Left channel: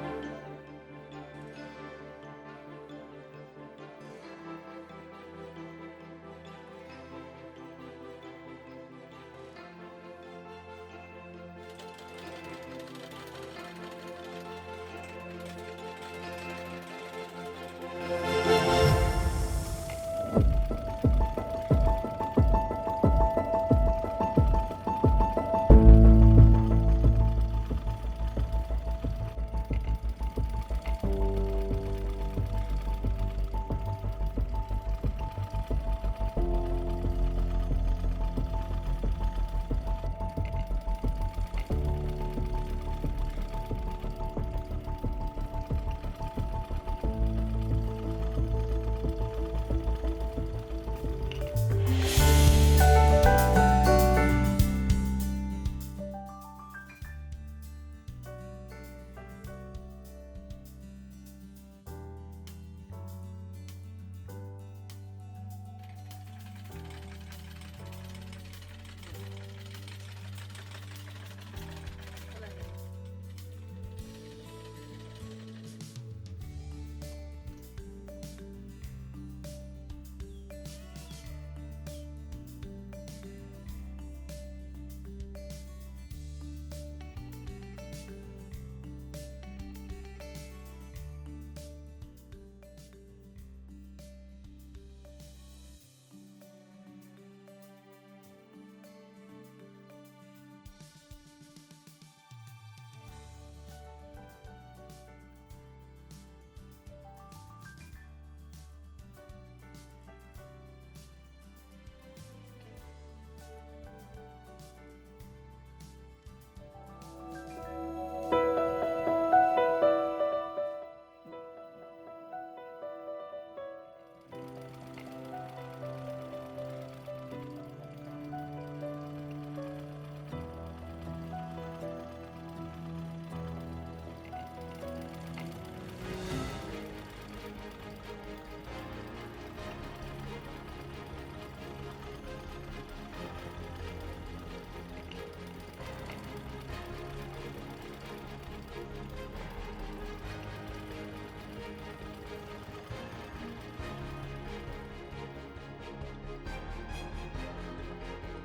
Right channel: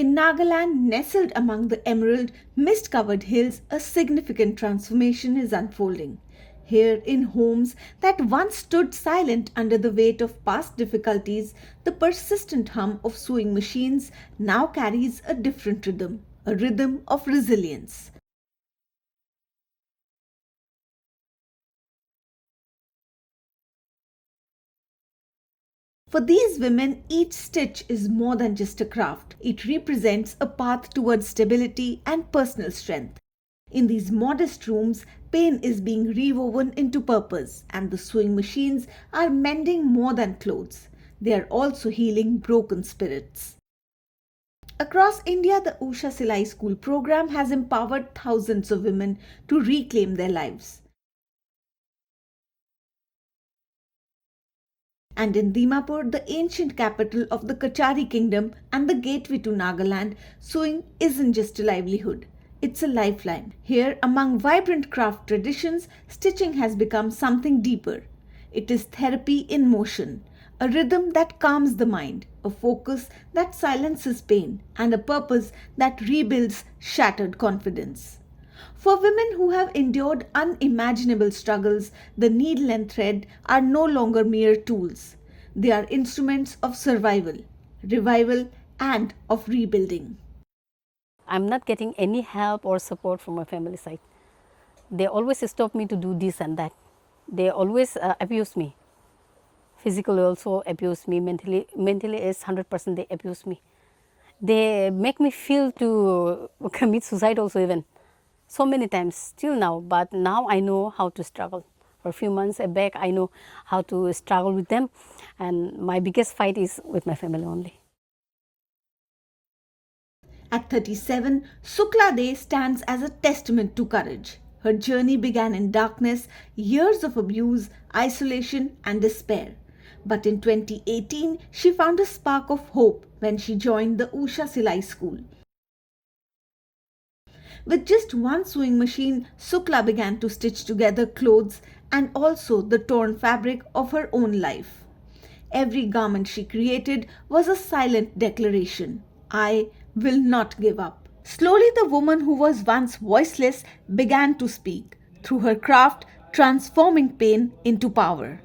In Nagaland, nestled among the emerald, mist-covered hills, a significant transformation is unfolding. Here, in homes that once stood silent under the weight of past difficulties, the persistent hum of sewing machines now carries a different rhythm, a rhythm of resilience. For these women, each stitch is more than just a craft. It represents a path towards stability and personal strength. In these modest rooms, pain is being rewoven into purpose, and the sewing machines are mending more than clothes. They are also healing broken spirits. Across India, the Usha Silai School program has empowered thousands of women to reclaim their lives. And in Dimapur, the ancient capital of the Kachari kingdom and the gateway to Nagaland, sewing isn't just a livelihood. It's a lifeline. Here, among vibrant craft traditions, stitching has become something deeper. It is therapy in motion, a rhythm that calms the mind, a focus that silences pain, and a purpose that rebuilds shattered confidence. For women who have endured unimaginable struggles, the needle and thread are no longer mere tools. They are instruments of survival, revival, and of rebuilding. I'm not getting any help or support from my family side. They always stop me to do this and that. They always abuse me. Physically also abuse me, mentally is 100% they abuse me. They make me feel to commit suicide also even. So many times, still now, but now I know how to struggle. For a few months back, I know how to struggle with them, and my biggest fight is with my family only. At 37, Sukla De stands as a testament to courage. Her journey began in darkness, years of abuse, isolation, and despair. But in 2018, she found a spark of hope when she joined the Usha Silai School. With just one sewing machine, Sukla began to stitch together clothes and also the torn fabric of her own life. Every garment she created was a silent declaration: I will not give up. Slowly, the woman who was once voiceless began to speak, through her craft transforming pain into power.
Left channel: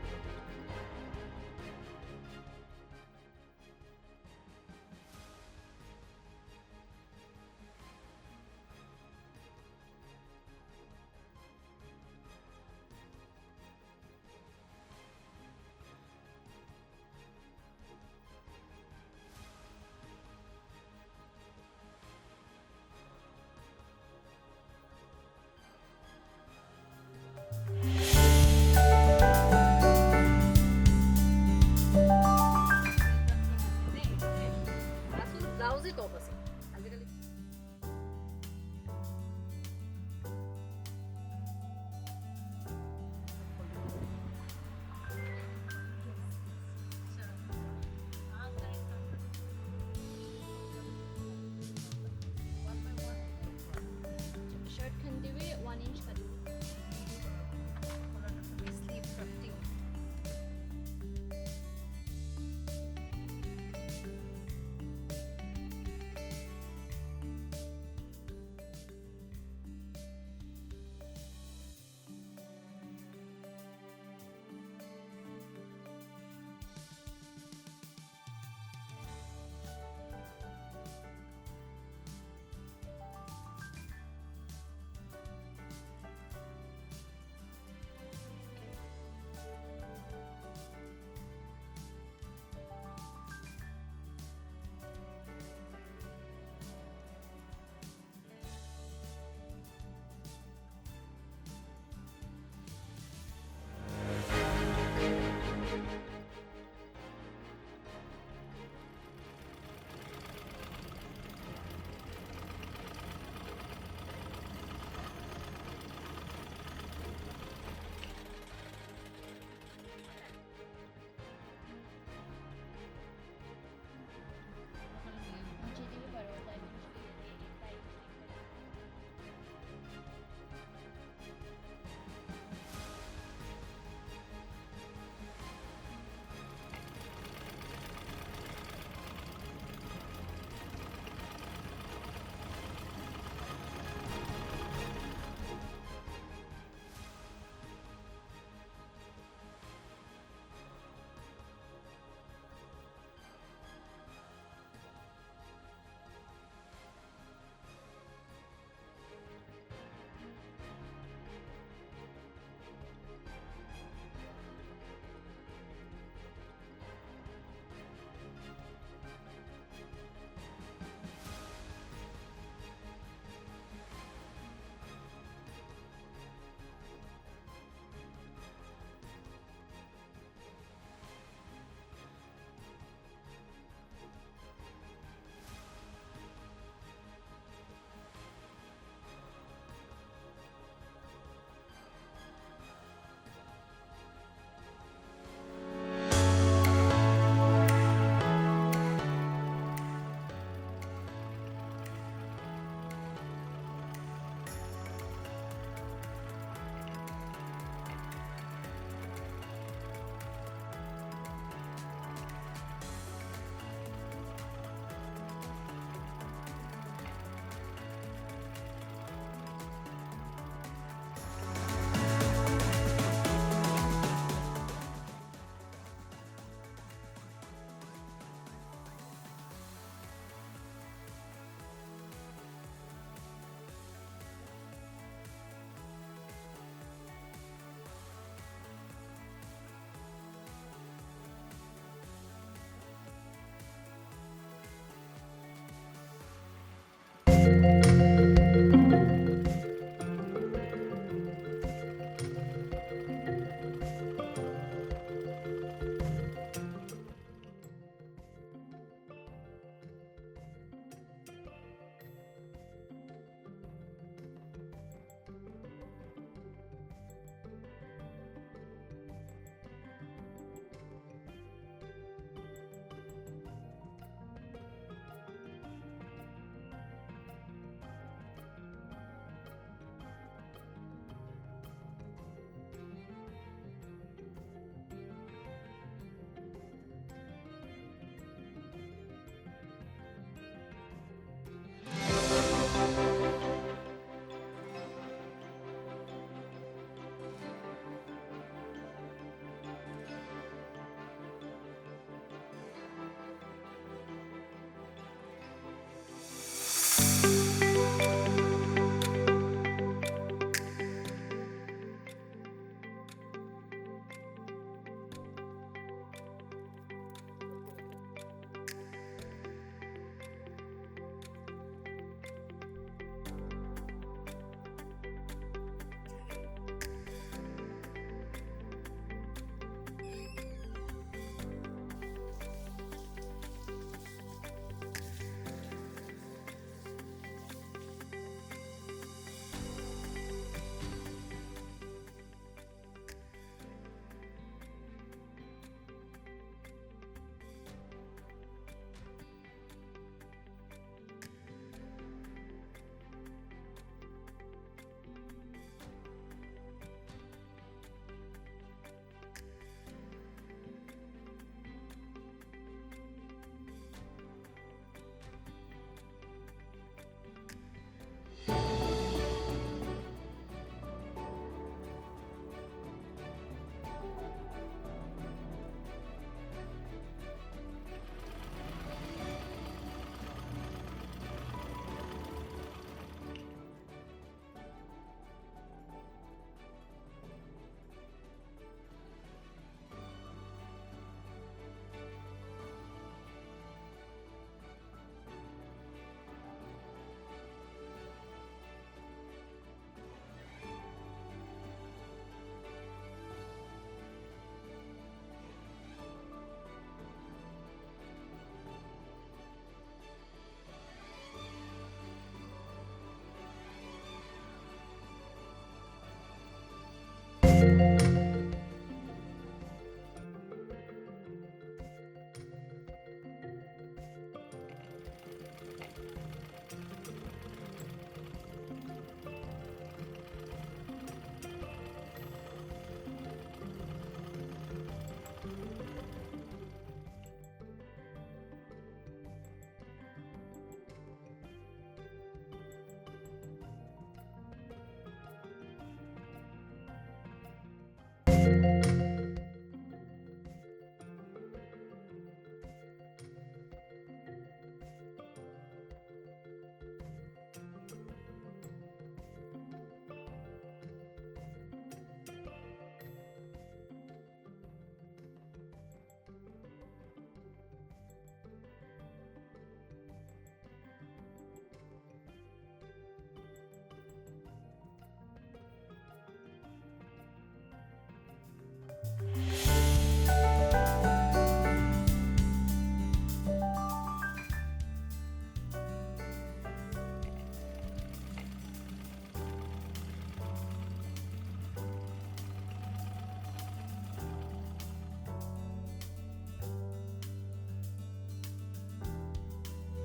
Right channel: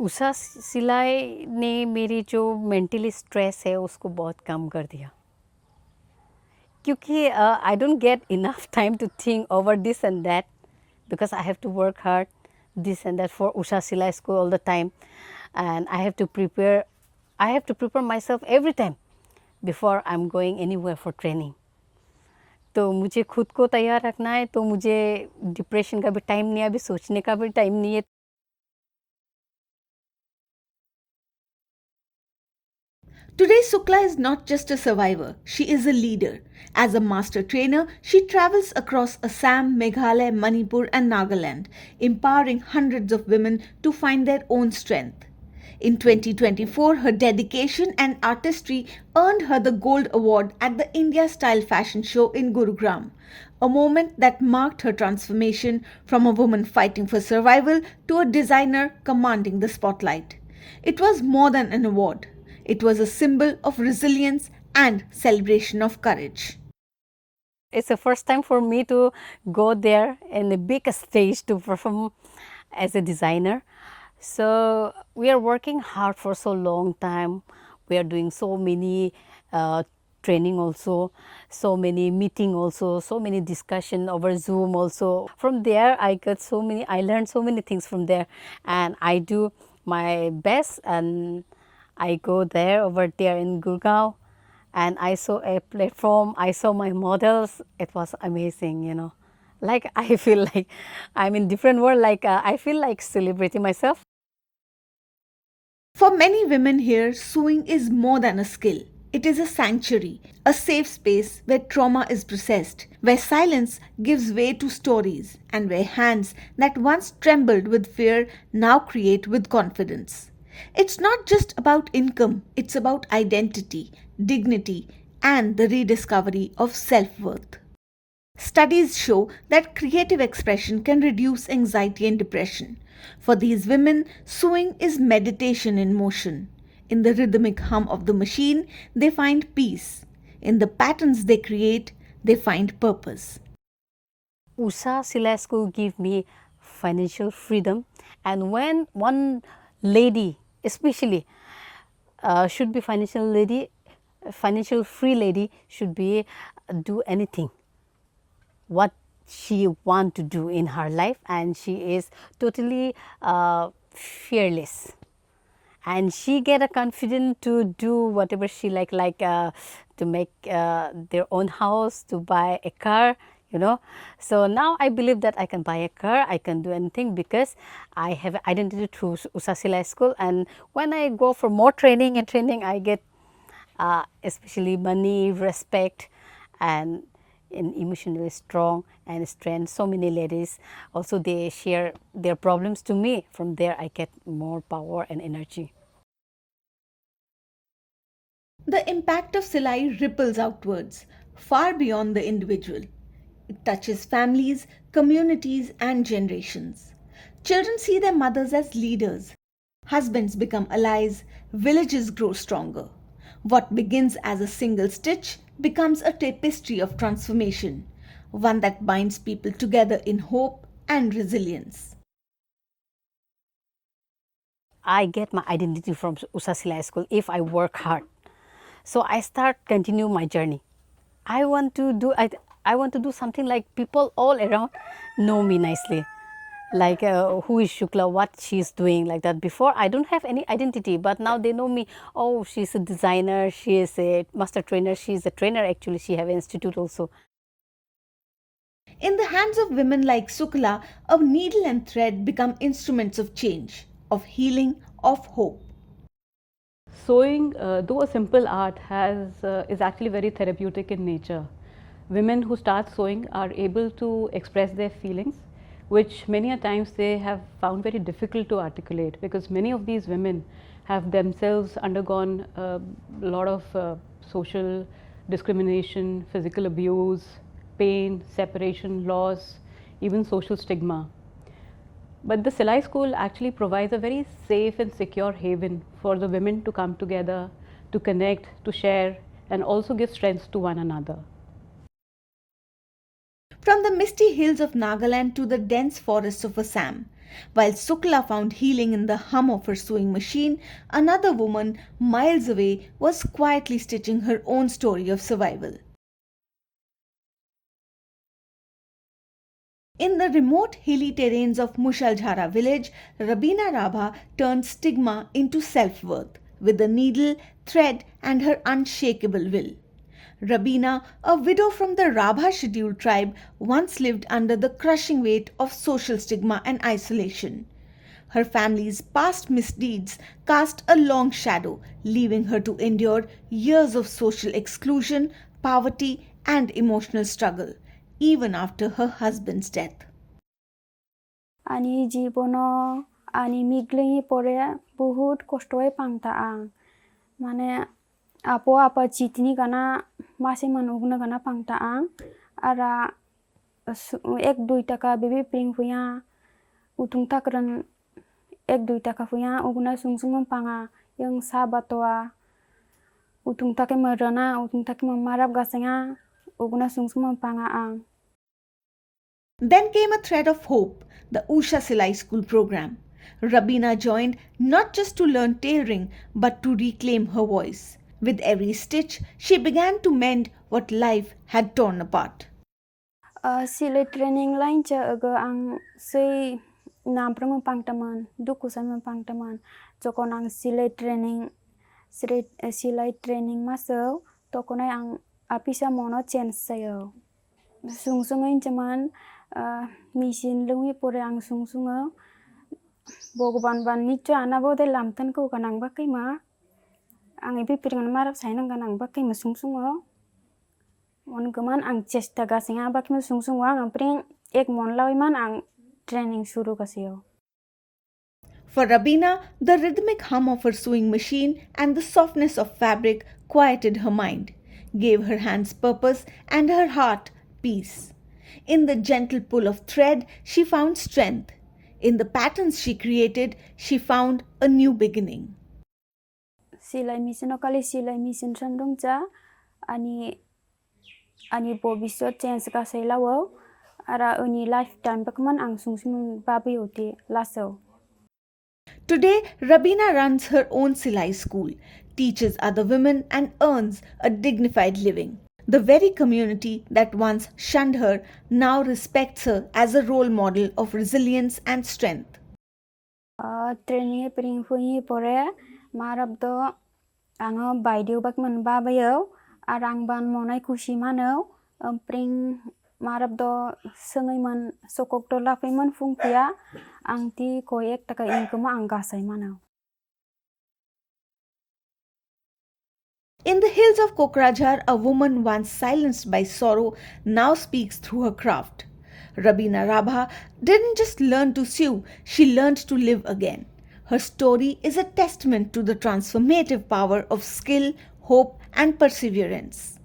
Usha सिलाई ने मेरी जो mentally stress है उसको बहुत कम कर दिया, क्योंकि I don't get enough time to think over this and that because I have to work hard this and that for Usha Silai School all the time, and I have to prepare myself every time before I'm going anywhere for training. तो मुझे खुद को तैयार रखना है, तो मुझे depression का भी टाइम नहीं है, अभी सोचने का भी टाइम नहीं है. Today, Sukla is not just a survivor, she is a leader. As a master trainer, she travels across Assam, Meghalaya, Manipur and Nagaland, empowering hundreds of women to find their own strength. In 2024, her dedication and artistry earned her the Gold Award at the India Style Fashion Show in Gurugram, a moment that marked her transformation from a woman fighting for survival to a designer commanding the spotlight. It was more than an award. It was a symbol of resilience and celebration of courage. It's the first time for me to go there in the big stage to perform as a designer. So we are working hard for so long time. We are doing so many training also, so many meeting also, so many discussion over Zoom also. From there I learned so many things from there, and I do my best, and I go over there in Gurgaon, and I saw a platform, I saw my models. It was amazing, you know. Like I feel like I'm in different world, like I feel like celebrating myself. For many women here, sewing is more than a skill. It is a sanctuary, a safe space where trauma is processed, where silence gives way to stories, and where hands that once trembled with fear now create with confidence. It's not just about income, it's about identity, dignity, and the rediscovery of self-worth. Studies show that creative expression can reduce anxiety and depression. For these women, sewing is meditation in motion. In the rhythmic hum of the machine, they find peace. In the patterns they create, they find purpose. Usha Silai School give me financial freedom, and when one lady, especially, should be financial free lady should be do anything what she want to do in her life, and she is totally fearless, and she get a confidence to do whatever she like to make their own house, to buy a car, you know. So now I believe that I can buy a car, I can do anything because I have identity through Usha Silai School, and when I go for more training I get especially money, respect, and emotionally strong and strength. So many ladies also they share their problems to me. From there I get more power and energy. The impact of Silai ripples outwards, far beyond the individual. It touches families, communities, and generations. Children see their mothers as leaders. Husbands become allies, villages grow stronger. What begins as a single stitch becomes a tapestry of transformation, one that binds people together in hope and resilience. I get my identity from Usha Silai School if I work hard. So I continue my journey. I want to do something like people all around know me nicely. Like who is Shukla, what she's doing, like that. Before I don't have any identity, but now they know me. Oh, she's a designer, she is a master trainer, she's a trainer actually, she have an institute also. In the hands of women like Sukla, a needle and thread become instruments of change, of healing, of hope. Sewing, though a simple art, is actually very therapeutic in nature. Women who start sewing are able to express their feelings, which many a times they have found very difficult to articulate, because many of these women have themselves undergone a lot of social discrimination, physical abuse, pain, separation, loss, even social stigma. But the Silai School actually provides a very safe and secure haven for the women to come together, to connect, to share, and also give strength to one another. From the misty hills of Nagaland to the dense forests of Assam, while Sukla found healing in the hum of her sewing machine, another woman miles away was quietly stitching her own story of survival. In the remote hilly terrains of Mushaljhara village, Rabina Rabha turned stigma into self-worth with a needle, thread, and her unshakable will. Rabina, a widow from the Rabha scheduled tribe, once lived under the crushing weight of social stigma and isolation. Her family's past misdeeds cast a long shadow, leaving her to endure years of social exclusion, poverty, and emotional struggle, even after her husband's death. Ani jibono ani miglingi pore बहुत कष्टोय पांगता माने आपो आपा चितनी गाना मासे मनुगना गाना पांगता आरा एक दुई टका बेबी पिंग पुया उतुंग तकरन एक दुई टका पुया उगना सुंगसुंग पांगा यंग साबतोआ उतुंग तके मरना उतुंग तके ममारब गासेंगा उगना सुंगसुंग पांगा Then came a thread of hope, the Usha Silai School program. Rabina joined not just to learn tailoring but to reclaim her voice. With every stitch, she began to mend what life had torn apart. Silai training line cha aga ang sei nampram pangtaman dukusan pangtaman jokon ang silai training maso tokonai ang apisa mono change sayo sungsung jaman machine lungi pore ang sungsungo Bogoban ban nicho anabo de lamtan ko kanang bakai ma ang ipi piringan marap sainang kanang bakai ma sungsungo on gaman ang chesta gasinga bakai ma sungsungo ang pring ek mon lawi man ang training shuru kasiyo. For Rabina, the rhythmic hum of her sewing machine and the softness of fabric quieted her mind, gave her hands purpose and her heart peace. In the gentle pull of thread, she found strength. In the patterns she created, she found a new beginning. Silai mission okali silai mission sandong cha ani bobisot chance ka selawo ara ani lifetime bakman ang sungsung babi oti laso. Today, Rabina runs her own Silai School, teaches other women and earns a dignified living. The very community that once shunned her now respects her as a role model of resilience and strength. Training pring fui pore marab do ango baidiu bakman babayo arang ban monai kushi mano pring marab do sengai man sokok do lafai man fungpia angti koyek taka ingkuma anggasai mana. In the hills of Kokrajhar, a woman once silenced by sorrow now speaks through her craft. Rabina Rabha didn't just learn to sew, she learned to live again. Her story is a testament to the transformative power of skill, hope, and perseverance.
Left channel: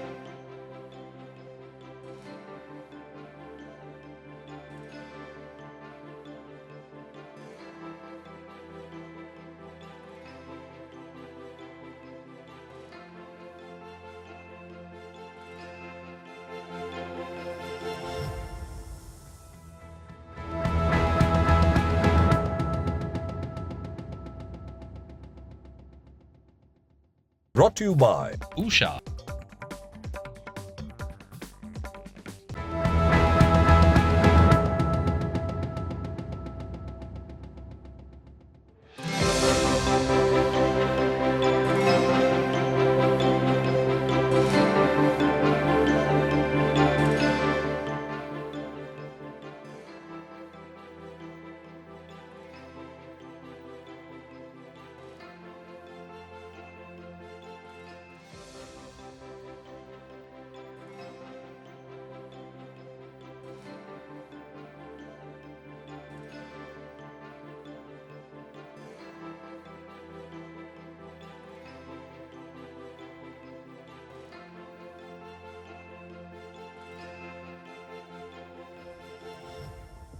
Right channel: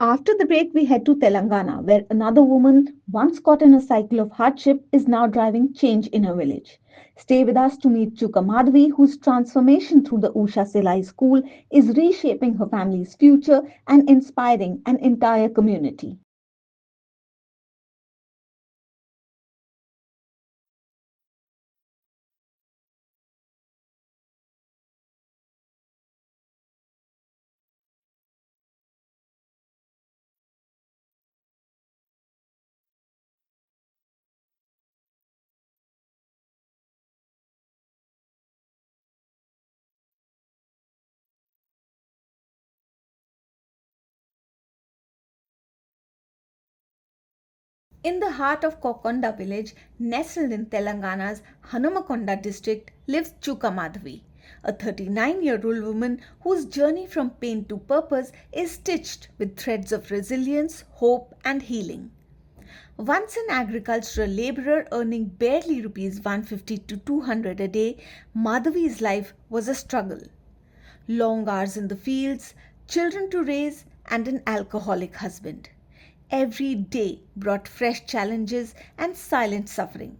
After the break, we head to Telangana, where another woman, once caught in a cycle of hardship, is now driving change in her village. Stay with us to meet Chuka Madhvi, whose transformation through the Usha Silai School is reshaping her family's future and inspiring an entire community. Brought to you by Usha. In the heart of Kokonda village, nestled in Telangana's Hanamakonda district, lives Chuka Madhvi, a 39-year-old woman whose journey from pain to purpose is stitched with threads of resilience, hope, and healing. Once an agricultural laborer earning barely rupees 150 to 200 a day, Madhvi's life was a struggle. Long hours in the fields, children to raise, and an alcoholic husband. Every day brought fresh challenges and silent suffering.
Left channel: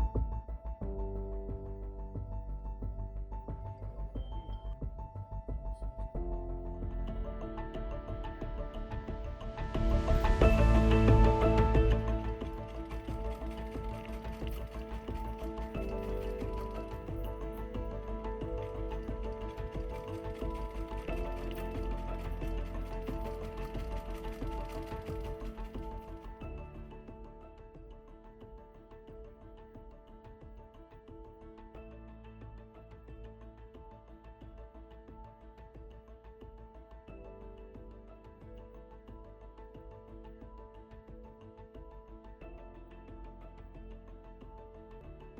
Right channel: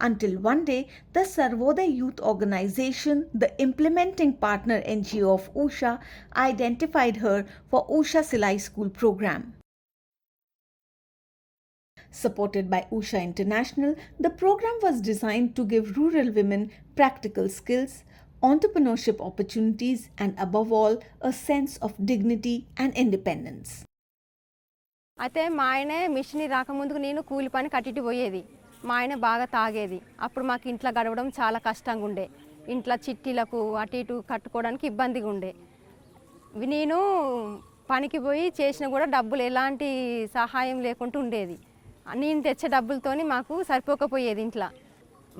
Until one day, the Sarvodaya Youth Organization, the implementing partner NGO of Usha, identified her for Usha Silai School program. Supported by Usha International, the program was designed to give rural women practical skills, entrepreneurship opportunities, and above all, a sense of dignity and independence. అయితే మా ఆయనే machine రాకముందుకు నేను కూలి పని కట్టిటి పోయేది. మా ఆయన బాగా తాగేది. అప్పుడు మాకు ఇంట్లో గడవడం చాలా కష్టంగా ఉండే. ఇంట్లో చిట్టీలకు అటు ఇటు కట్టుకోవడానికి ఇబ్బందిగా ఉండే. నేను పనికి పోయి చేసినా కూడా డబ్బులు ఎలాంటి సహాయం లేకుండా ఉండేది. నేను తెచ్చే డబ్బులతోని మాకు సరిపోకపోయేది ఇంట్లో.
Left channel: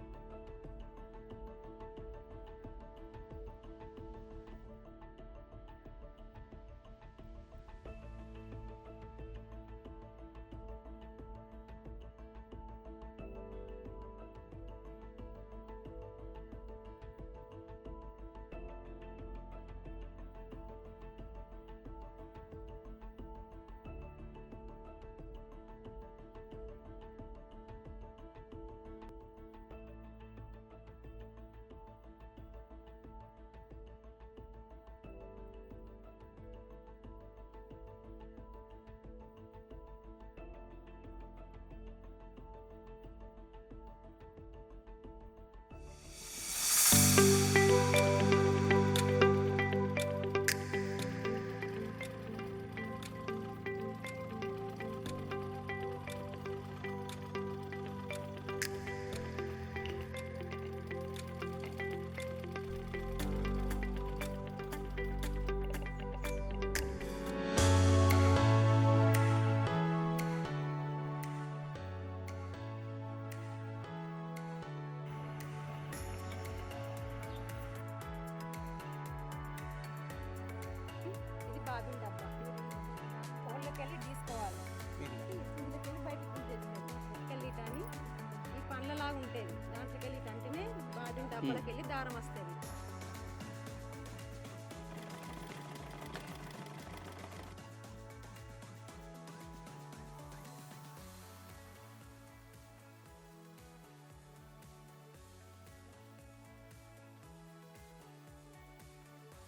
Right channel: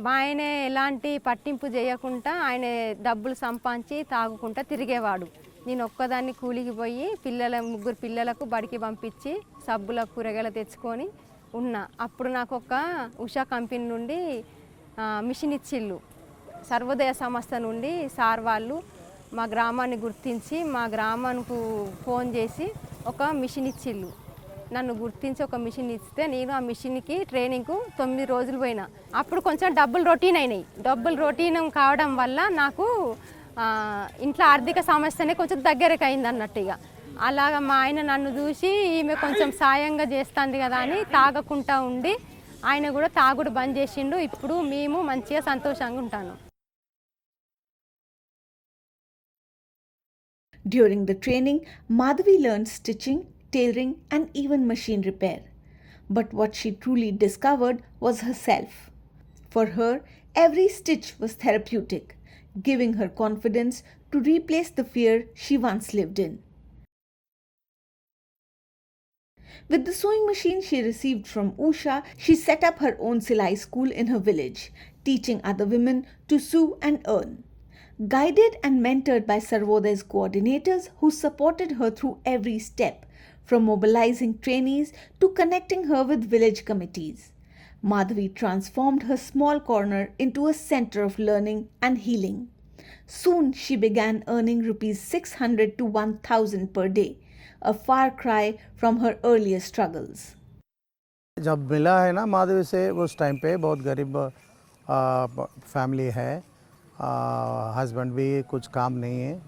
మా ఆయన ఎలాంటి పట్టింపు చేయకుండా ఆయన డబ్బులు సంపాదించి తాగుకుంటా తిరిగేవాడు. నేను ఒక్కదాన్ని కూలికి పోయి ముగ్గురు పిల్లలకు బడికి పంపించి సబ్బుల కూరగాయలు తెచ్చుకొని ఉన్నా. అప్పుడు నాకు ఒక ఉషా కంపెనీ నుండి మిషన్ ఇచ్చిళ్ళు. సర్వోదయ సంస్థ నుండి సార్ వాళ్ళు మా గ్రామాన్ని గుర్తించి మా గ్రామానికి ఫోన్ చేసి ఒక మిషన్ ఇచ్చిళ్ళు. నన్ను గుర్తించి ఒక మిషన్ ఇస్తే నేను ఆ మిషన్కి ట్రైనింగ్కు 9 రోజులు పోయినా. అప్పుడు కొంచెం డబ్బులు రొటీన్ అయినాయి. డబ్బులు రొటీన్ కావడం వల్ల నాకు ఇంట్లో ఆర్థిక సమస్యనే కొంచెం దగ్గరకు అయింది అన్నట్టు. ఇక అలాగా మా ఆయన నన్ను చూసి ఈమె కొంచెం సాయంగా చేస్తుంది కదా అని తాగకుండా ఉండి ఆయన కూడా తాగుడు బంద్ చేసిండు. ఇప్పుడు మేము మంచిగా సంతోషంగా ఉంటాను. During the training, Madhvi learned stitching, tailoring, and even machine repair. But what she truly discovered was herself. For her, every stitch was therapeutic, giving her confidence to replace the fear she once lived in. With the sewing machine she received from Usha, she set up her own Silai School in her village, teaching other women to sew and earn. Guided and mentored by Sarvodaya's coordinators who supported her through every step, from mobilizing trainees to connecting her with village committees, Madhvi transformed her small corner into a center of learning and healing. Soon she began earning rupees 600 to 1000 per day, a far cry from her earlier struggles. जब मिला है ना माधवी से उस time पे बहुत गरीब family है, हस्बैंड भी कुछ काम नहीं है,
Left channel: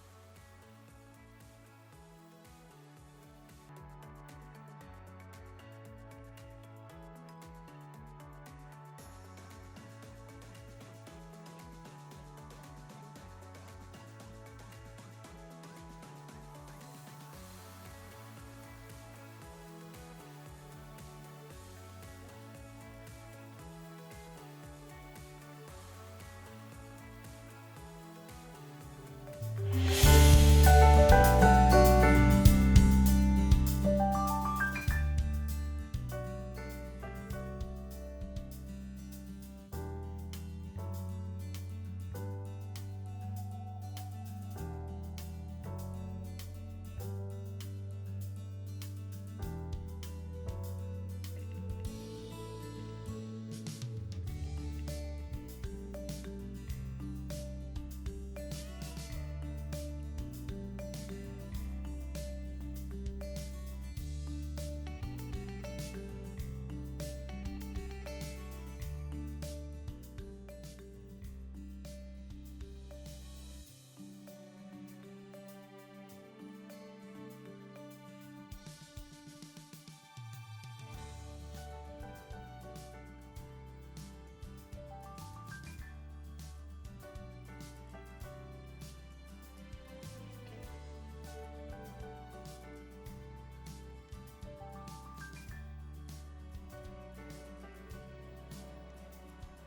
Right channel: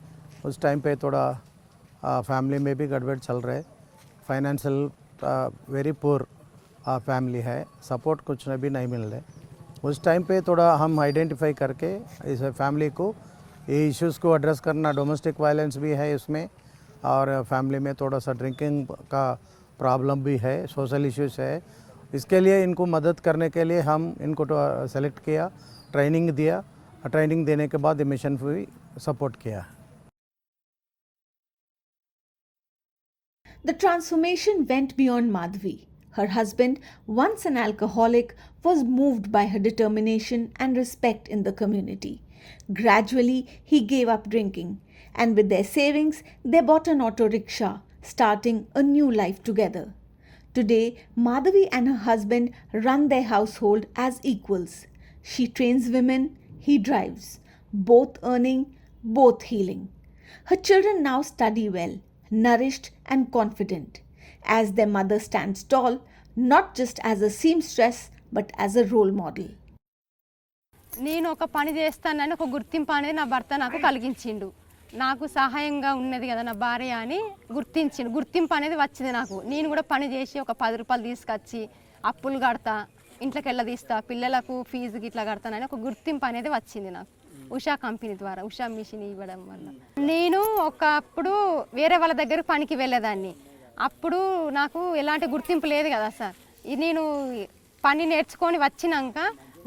उस टाइम पे थोड़ा फैमिली में भी गड़बड़ चल रहे, फाइनेंशियल वेरी पुअर फैमिली है, सपोर्ट कुछ भी नहीं मिल रहे। उस टाइम पे थोड़ा हम आइडेंटिफाई करके इस फैमिली को ये इश्यूज़ को एड्रेस करना, डोमेस्टिक वायलेंस भी है इसमें, और फैमिली में थोड़ा सा ड्रिंकिंग का प्रॉब्लम भी है, सोशल इश्यूज है। इसके लिए इनको मदद करने के लिए हम इनको सेलेक्ट किया, ट्रेनिंग दिया, ट्रेनिंग देने के बाद मिशन भी सपोर्ट किया। The transformation went beyond Madhvi. Her husband, once an alcoholic, was moved by her determination and respect in the community. Gradually, he gave up drinking, and with their savings, they bought an auto rickshaw, starting a new life together. Today, Madhavi and her husband run their household as equals. She trains women, he drives, both earning, both healing. Her children now study well, nourished and confident, as their mother stands tall, not just as a seamstress, but as a role model. నేను ఒక పని చేస్తానని ఒక గుర్తింపు అనేది నా భర్త నాకు కలిగించిండు. నాకు సహాయంగా ఉన్నది కదా నా భార్య అని గుర్తించిండు. గుర్తింపు అనేది వచ్చింది నాకు. నేను కూడా పని చేసి ఒక 10 రూపాయలు తీసుకొచ్చి అప్పులు కడతా, ఇంట్లోకి వెళ్ళదీస్తా, పిల్లలకు ఫీజుకి ఇట్లా కడతానని ఒక గుర్తింపు అనేది వచ్చింది నాకు ఉషా కంపెనీ ద్వారా, ఉషా మిషన్ ఇవ్వడం వల్ల. నేను ఒకప్పుడు వేరే వాళ్ళ దగ్గర పనికి వెళ్ళేదాన్ని. అప్పుడు నాకు ఎలాంటి గుర్తింపు లేదు కదా సార్. నేను పని నేర్చుకొని వచ్చినాక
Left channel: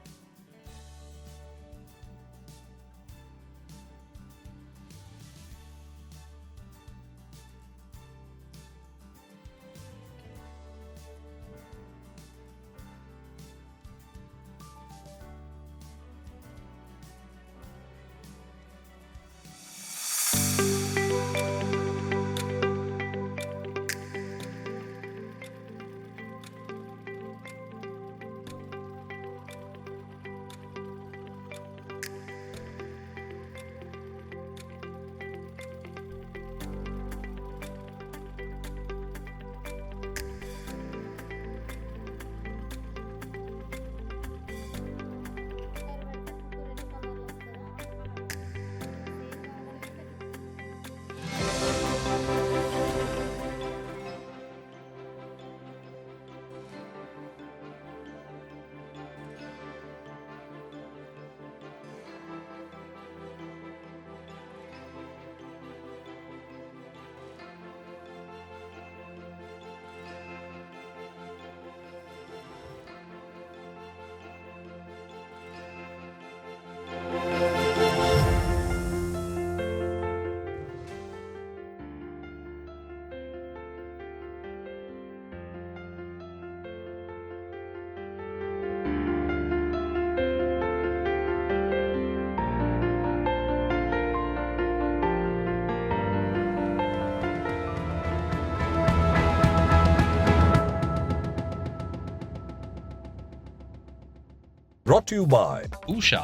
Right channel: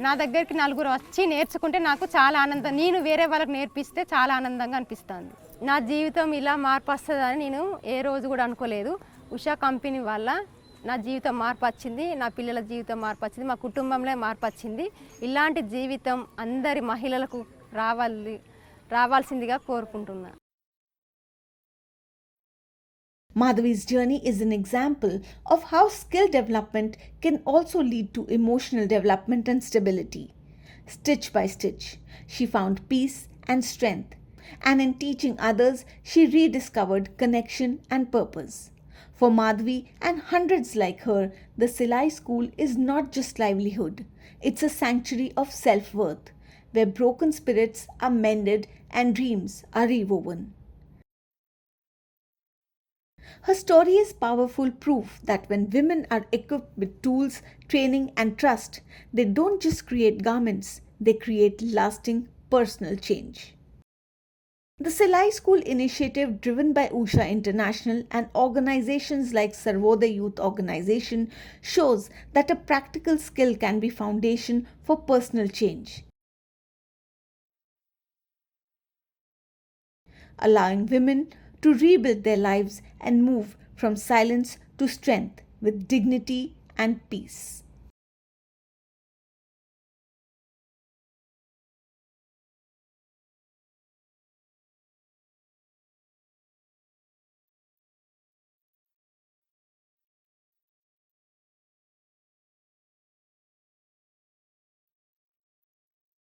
నా దగ్గరికి నలుగురు వచ్చి నేర్చుకుంటే నాకు చాలా ఆనందం, నేను వేరే వాళ్ళకి నేర్పిస్తే చాలా ఆనందంగా అనిపిస్తుంది. నా జీవితం ఇలా మార్పు వస్తుందని నేను ఏ రోజు కూడా అనుకోలేదు. ఉషా కంపెనీ వల్ల నా జీవితం మార్పు వచ్చింది, నా పిల్లల జీవితం మార్పు వచ్చింది, మా కుటుంబంలో మార్పు వచ్చింది. ఇలాంటి జీవితం అందరి మహిళలకు రావాల్సిందిగా కోరుకుంటున్నాను. Madhavi's journey is an example of how skill development can also lead to emotional development and stability. Stitch by stitch, she found peace and strength, and in teaching others, she rediscovered connection and purpose. For Madhavi and hundreds like her, the Silai School is not just livelihood, it's a sanctuary of self-worth, where broken spirits are mended and dreams are rewoven. Her story is powerful proof that when women are equipped with tools, training and trust, they don't just create garments, they create lasting personal change. The Silai School initiative, driven by Usha International and organizations like Sarvodaya Youth Organization, shows that a practical skill can be foundation for personal change, allowing women to rebuild their lives and move from silence to strength with dignity and peace. Brought to you by Usha.